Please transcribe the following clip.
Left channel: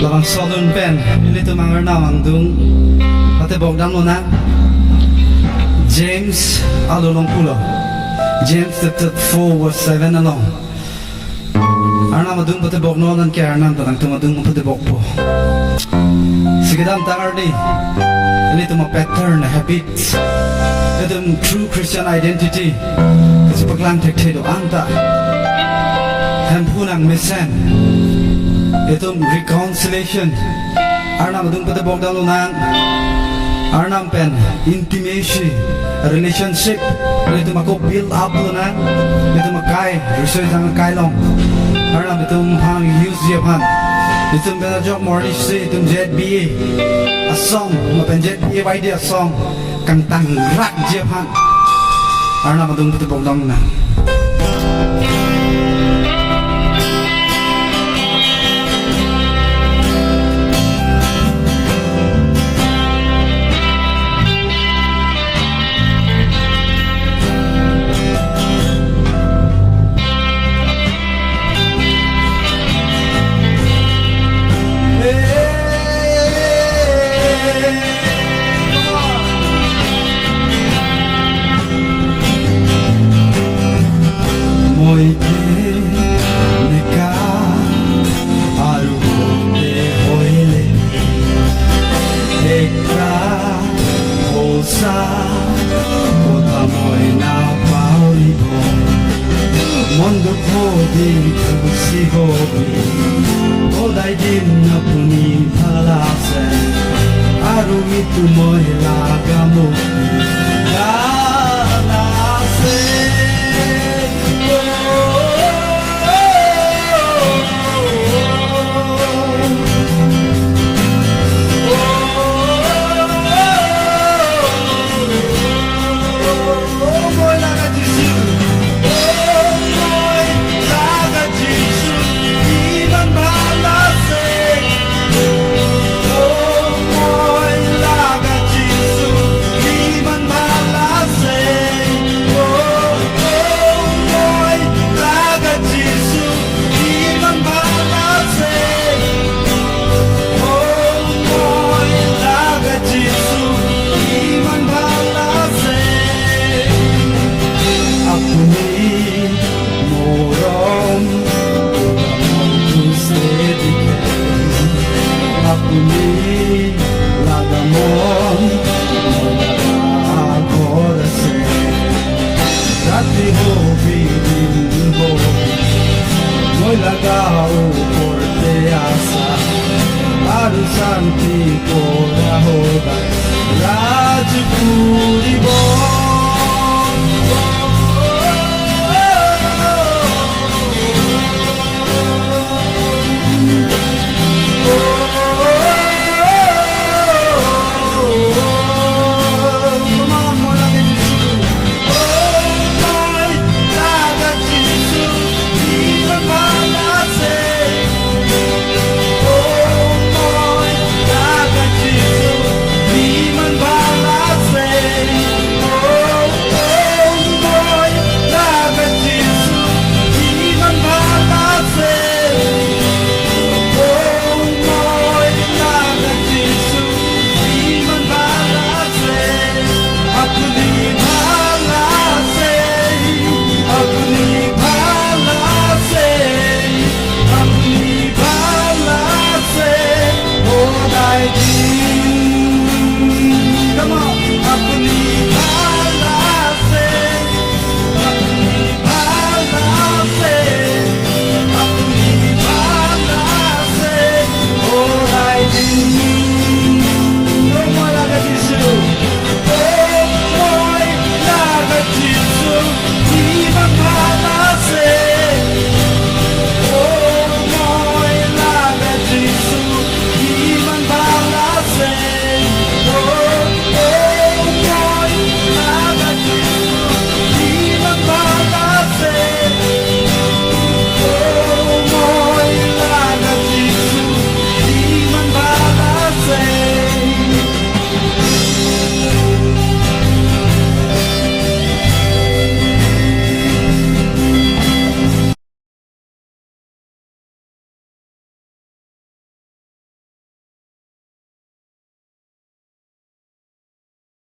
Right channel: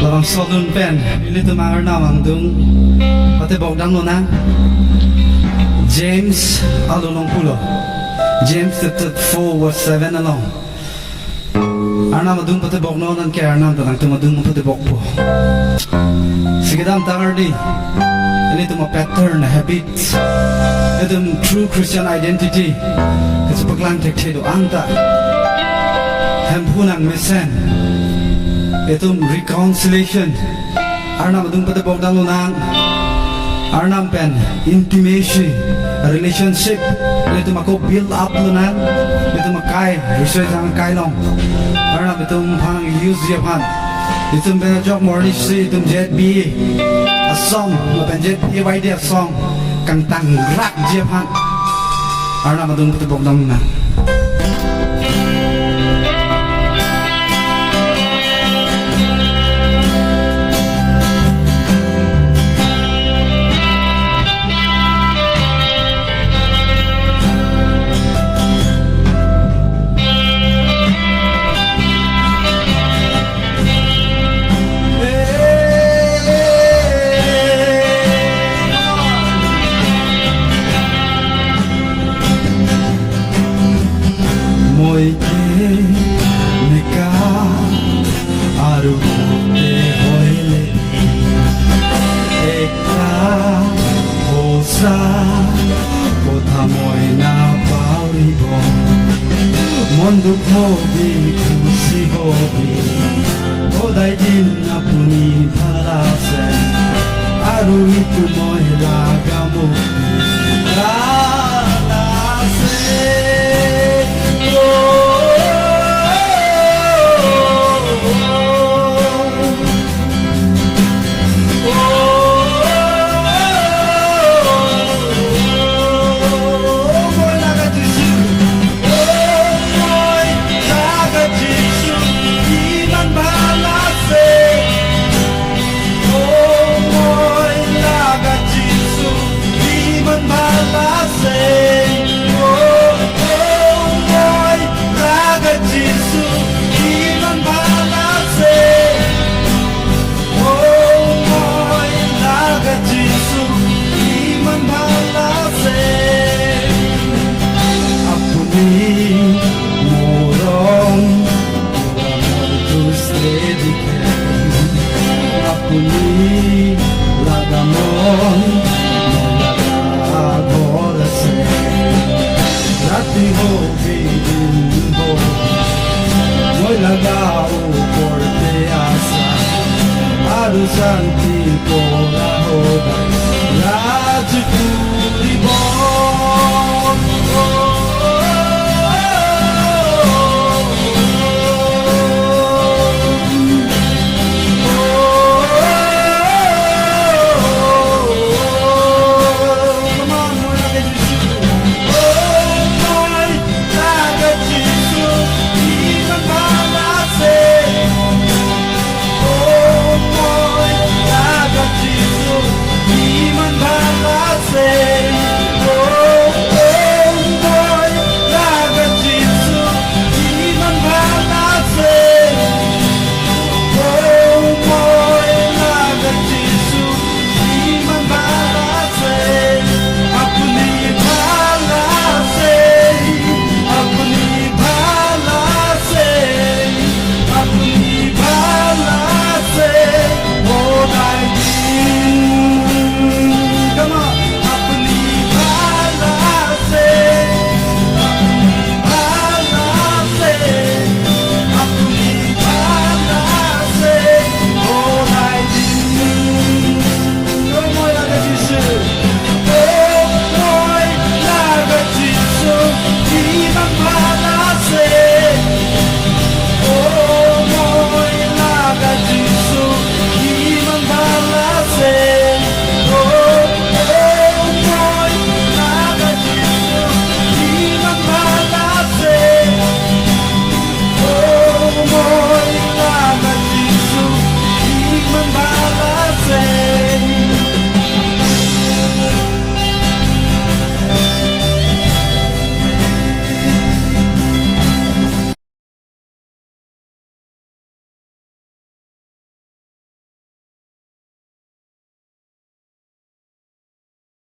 Labang solun pen, ili tumangar na mangdung. Pati bogdang mo na. James alulong pulo. James chapter 4 verse 7 along. Arna madung pati bogno nan kaya arna tanang tumadung pati bogpo. Sigedam tangar di. Ili tuma pattern habits. Itu true Christian identity. Kasi paglang tektedo anta. Hempunang mesen. Itu reconciliation. Arna madung pati bogdang lunang. Arnam pen intimacy relationship. Itu mako build up lunang. Itu makai research ang kailong. Arnam itu pang use dia pan. Itu pen jok morning si itu jet b a song mapen jet b idea song kang tangrak dia pan. Arnam madung pati bogdang lunang. Mondo hobi kusi hobi odai din apuni palase aru itu moi lagamu galase Apuni lagamon molaga agora se rati hobi din hobi molaga o porte asa aru santi pora hodai rajpuri bo say